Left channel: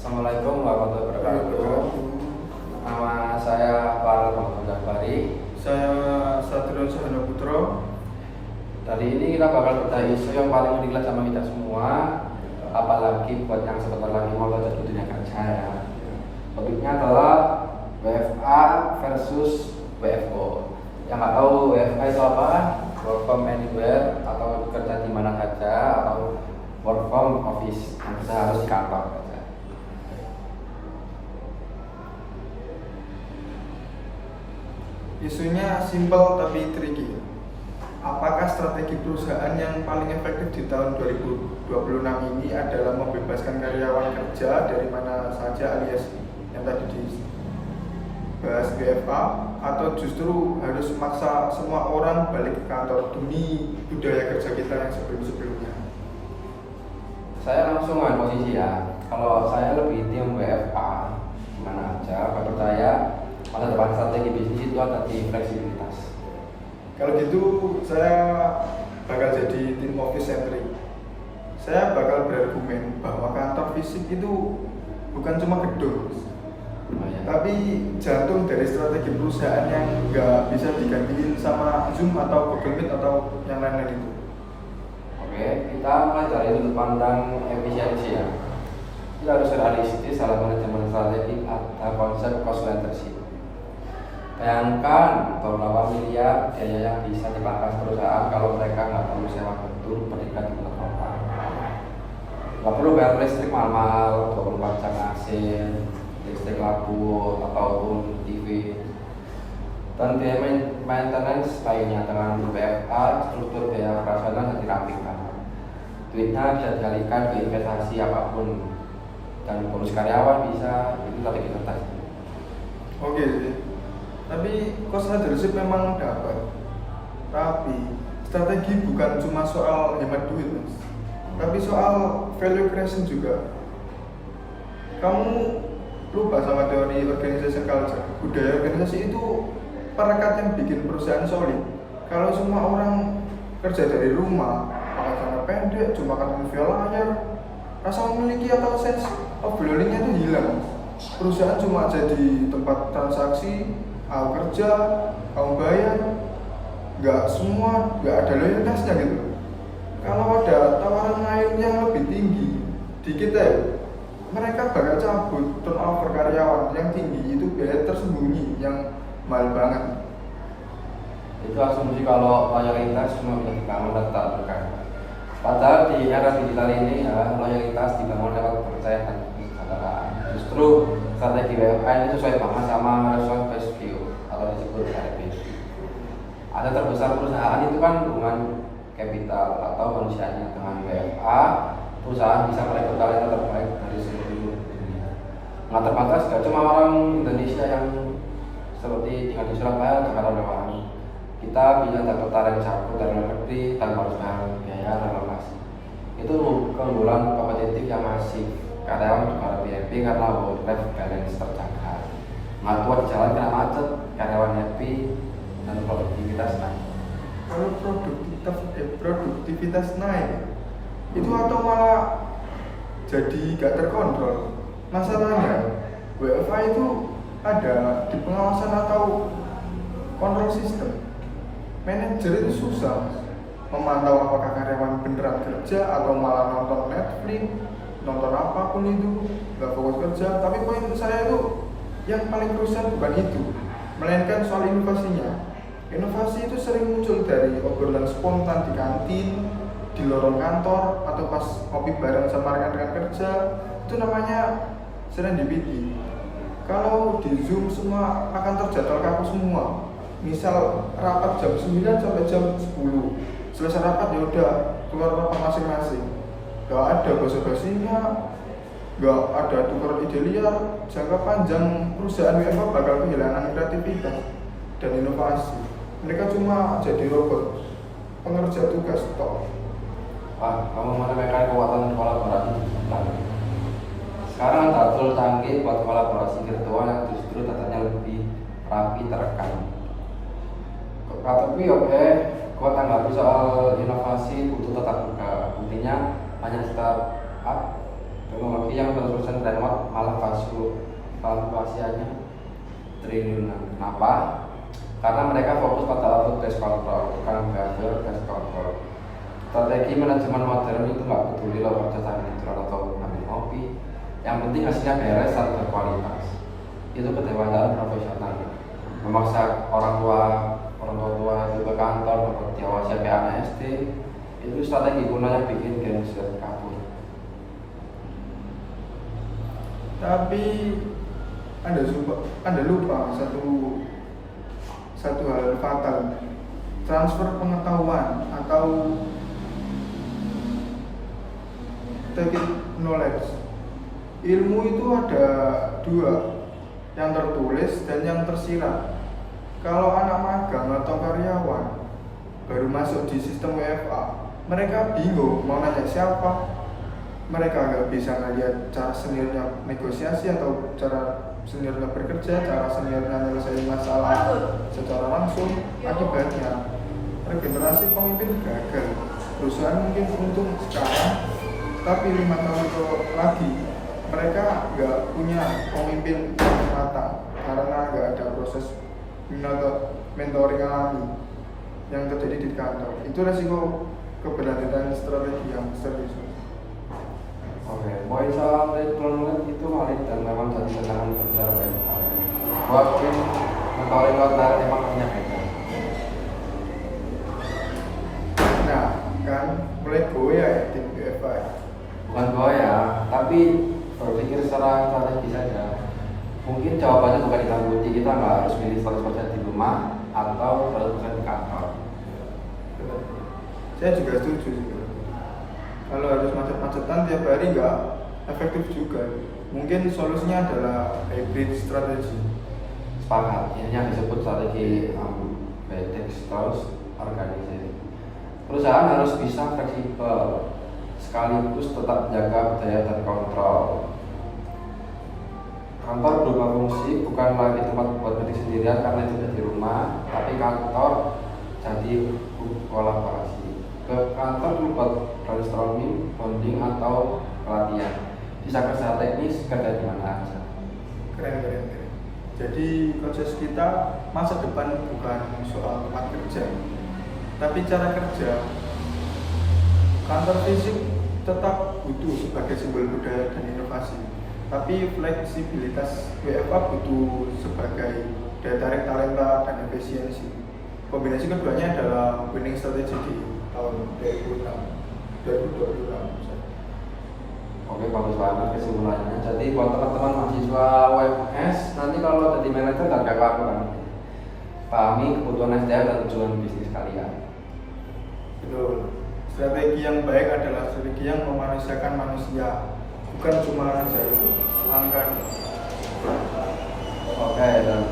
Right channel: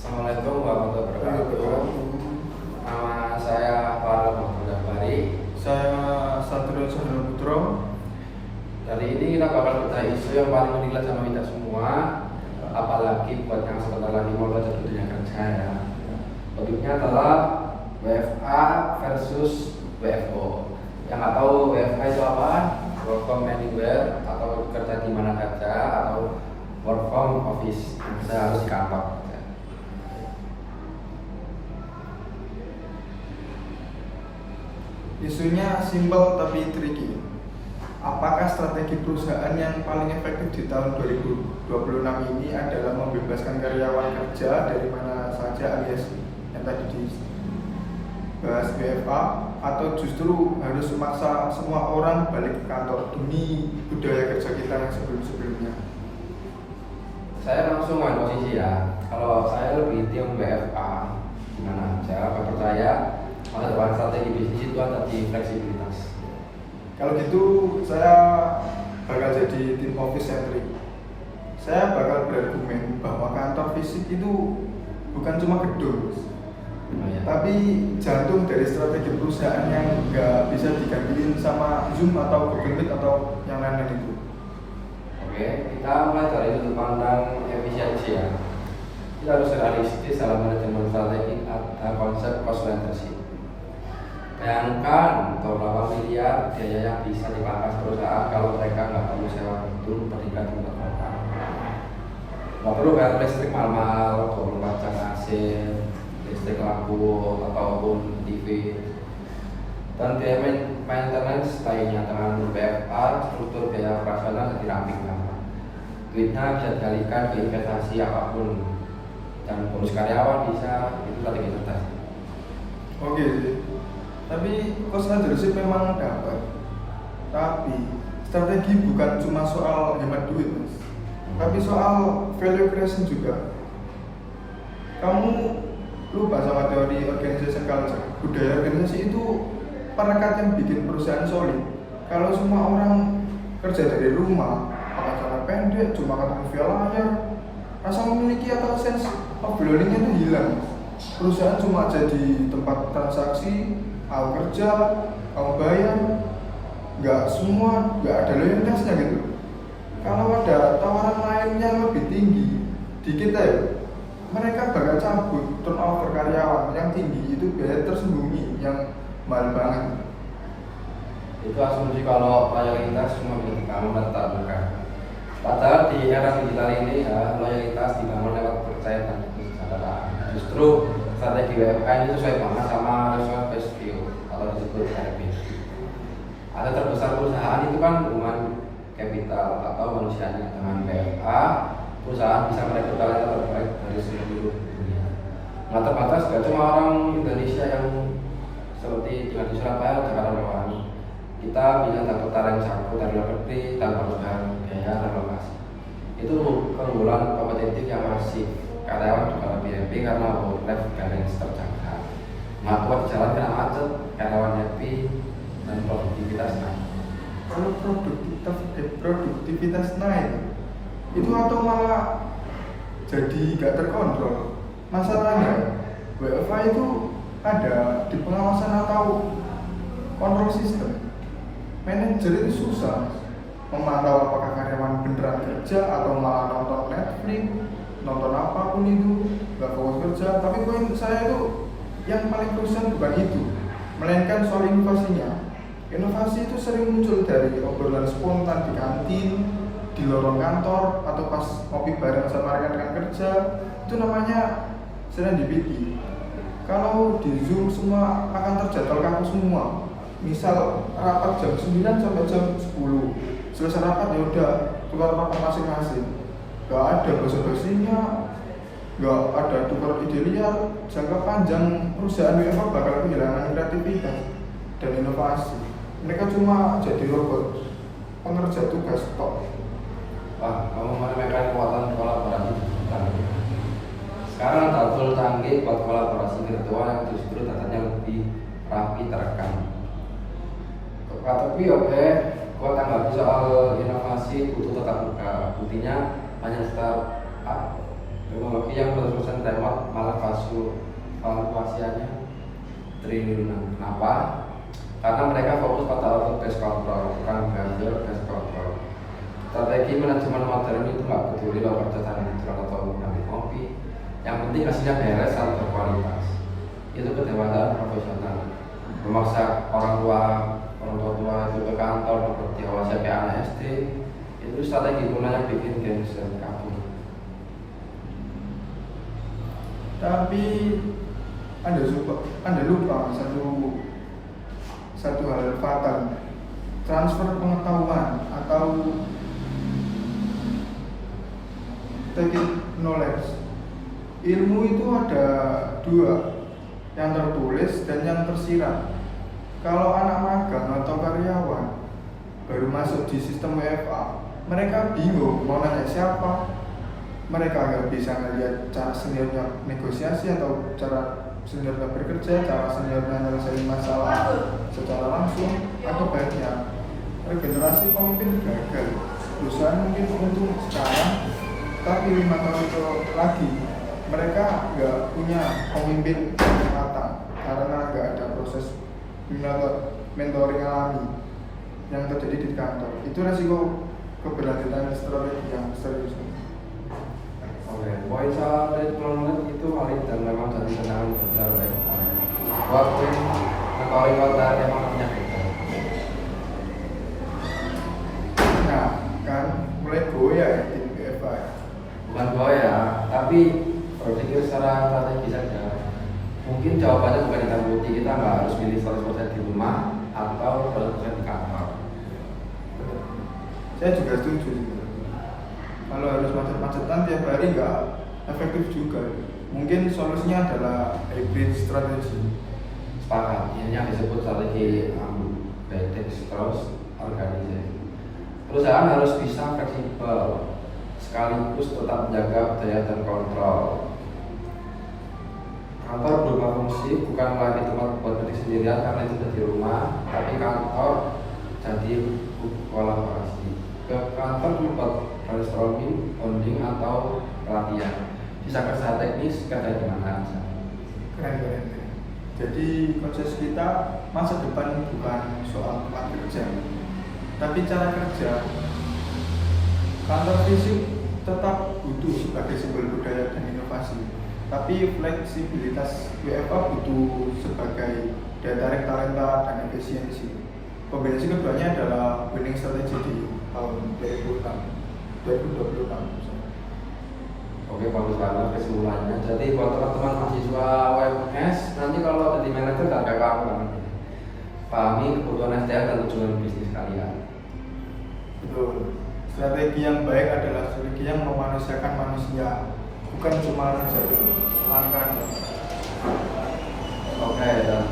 Assalamualaikum warahmatullahi wabarakatuh. Nama saya Farel Muhammad Jafari. Saya Satrio Cahyono Putro. Kali ini kita bakal bedah isu yang paling dilihat sama kita semua, apalagi buat yang sebentar lagi mau belajar di dunia kerja ya. Topiknya adalah WFA versus WFO. Yang nggak tahu WFA itu apa? Work from anywhere atau kerja di mana saja atau work from office, bisa harus kantor. Isunya simpel tapi tricky. Apakah strategi perusahaan yang paling efektif di tahun 2026 ini adalah membebaskan karyawan kerja dari mana saja alias yang tadi dibahas WFA, atau justru harus memaksa semua orang balik ke kantor demi budaya kerja kita yang sebelum-sebelumnya? Saya langsung ambil posisi ya. Kalau saya lebih tim WFA, gimana aja, saya percaya masa depan strategi bisnis itu ada di fleksibilitas. Kalau gitu saya bakal jadi tim office centric. Saya bakal berargumen bahwa kantor fisik itu bukan cuma gedung, tapi jantung dari strategi perusahaan yang nggak bisa digantiin sama Zoom atau Google Meet atau yang lain-lain itu. Oke, kita mulai dari sudut pandang efisiensi ya. Kita harus realistis dalam manajemen strategi atau konsep cost centership. Bayangkan beberapa miliar biaya yang bisa dipangkas perusahaan kalau mereka nggak perlu sewa gedung berikat untuk kota. Nggak perlu bayar listrik mahal, 24 jam AC, listrik lampu ataupun TV. Dan biaya maintenance lainnya dengan WFA, struktur biaya operasional dirampingkan. Duitnya bisa dialihkan ke investasi apapun dan bonus karyawan bisa itu tapi investasi. Oke sih. Tapi cost leadership memang dapat. Tapi strategi bukan cuma soal hemat duit, Mas. Tapi soal value creation juga. Kamu lupa sama teori organization culture. Budaya organisasi itu perekat yang bikin perusahaan solid. Kalau semua orang kerja dari rumah, pakai celana pendek, cuma ketemu via layar, rasa memiliki atau sense of belonging-nya itu hilang. Perusahaan cuma jadi tempat transaksi, aku kerja, kamu bayar, nggak ada loyalitasnya gitu. Kalau ada tawaran lain yang lebih tinggi di kita, mereka bakal cabut. Turnover karyawan yang tinggi itu biaya tersembunyi yang mahal banget. Itu asumsi kalau loyalitas cuma ketika menetap bukan. Padahal di era digital ini ya, loyalitas dibangun lewat kepercayaan dan kesadaran. Justru strategi WFA ini sesuai banget sama result based view atau disebut RB. Ada terbesar perusahaan itu kan hubungan kapital atau manusianya. Dengan WFA, perusahaan bisa merekrut talenta terbaik dari seluruh dunia. Nggak terbatas, gak cuma orang Indonesia yang seperti tinggal di Surabaya, Jakarta doang. Kita bisa dapat talent jago dari luar negeri tanpa harus bayar biaya relokasi. Itu keunggulan kompetitif yang masif. Karyawan juga lebih happy karena work-life balance terjaga. Nggak kuat di jalan karena macet, karyawan happy dan produktivitas naik. Kalau produktivitas naik, itu atau malah jadi gak terkontrol. Masalahnya WFA itu ada di pengawasan atau kontrol sistem. Manajer itu susah memantau apakah karyawan beneran kerja atau malah nonton Netflix, nonton apapun itu, gak fokus kerja. Tapi poin saya itu yang paling krusial bukan itu, melainkan soal inovasinya. Inovasi itu sering muncul dari obrolan spontan di kantin, di lorong kantor, atau pas ngopi bareng sama rekan-rekan kerja. Itu namanya serendipity. Kalau di Zoom semua akan terjadwal kaku semua. Misal rapat jam 9 sampai jam 10. Selesai rapat ya udah tukar rapat masing-masing. Gak ada basa-basinya, gak ada tukar ide liar. Jangka panjang perusahaan WFH bakal kehilangan kreativitas dan inovasi. Mereka cuma jadi robot pengerja tugas tok. Wah, kamu menemukan kekuatan kolaborasi. Sekarang ada tool canggih buat kolaborasi virtual yang justru datanya lebih rapi terekam. Tapi oke, kuat tanggapi soal inovasi butuh tetap buka. Buktinya banyak startup teknologi yang berterusan dan malah fluktuasinya triliunan. Kenapa? Karena mereka fokus pada auto gas control, bukan gas control. Strategi manajemen modern itu nggak peduli lo kerja tangan neutral atau mandi kopi. Yang penting hasilnya beres dan berkualitas. Itu keterlibatan profesional. Memaksa orang tua itu ke kantor dapat diawasi kayak anak SD. Itu strategi gunanya bikin dia sudah kabur. Tapi Anda lupa satu hal fatal. Transfer pengetahuan atau take knowledge. Ilmu itu ada dua, yang tertulis dan yang tersirat. Kalau anak magang atau karyawan baru masuk di sistem WFA, mereka bingung mau nanya siapa. Mereka nggak bisa ngeliat cara seniornya negosiasi atau cara seniornya bekerja, cara seniornya nyelesain masalah secara langsung. Akibatnya regenerasi pemimpin gagal. Perusahaan mungkin untung sekarang, tapi 5 tahun itu lagi mereka nggak punya pemimpin yang matang karena nggak ada proses mentoring alami yang terjadi di kantor. Itu resiko keberlanjutan strategi yang serius. Oke, poin soal perhitungan itu valid dan memang jadi tantangan terbesar baik. Waktu mengetahui warga memang punya gagal. Nah, kan mulai goyah ya di BFI. Bukan goyah, tapi berpikir secara strategi saja. Mungkin jawabannya juga ditambuti, kita nggak harus pilih 100% di rumah atau 100% di kantor. Saya juga setuju sih. Kalau harus macet-macetan tiap hari nggak efektif juga. Mungkin solusinya adalah hybrid strategi. Sepakat, ini yang disebut strategi terus organisasi. Perusahaan harus bisa fleksibel, sekaligus tetap menjaga budaya terkontrol. Kantor berubah fungsi, bukan lagi tempat buat diri sendirian karena itu di rumah, tapi kantor jadi kolaborasi. Ke kantor membuat brainstorming, bonding atau pelatihan. Bisa kerja teknis, kerja di mana saja. Keren. Jadi konsep kita masa depan bukan soal tempat kerja, tapi cara kerja. Kantor fisik tetap butuh sebagai simbol budaya dan inovasi, tapi fleksibilitas WFA butuh sebagai daya tarik talenta dan efisiensi. Kombinasi keduanya adalah winning strategy di tahun 2026. Oke, bagus banget kesimpulannya. Jadi buat teman-teman mahasiswa UMS, nanti kalau ada di manajer dan kamu kan pahami kebutuhan SDM dan tujuan bisnis kalian. Betul. Strategi yang baik adalah strategi yang memanusiakan manusia, bukan cuma ngejar angka. Oke, dan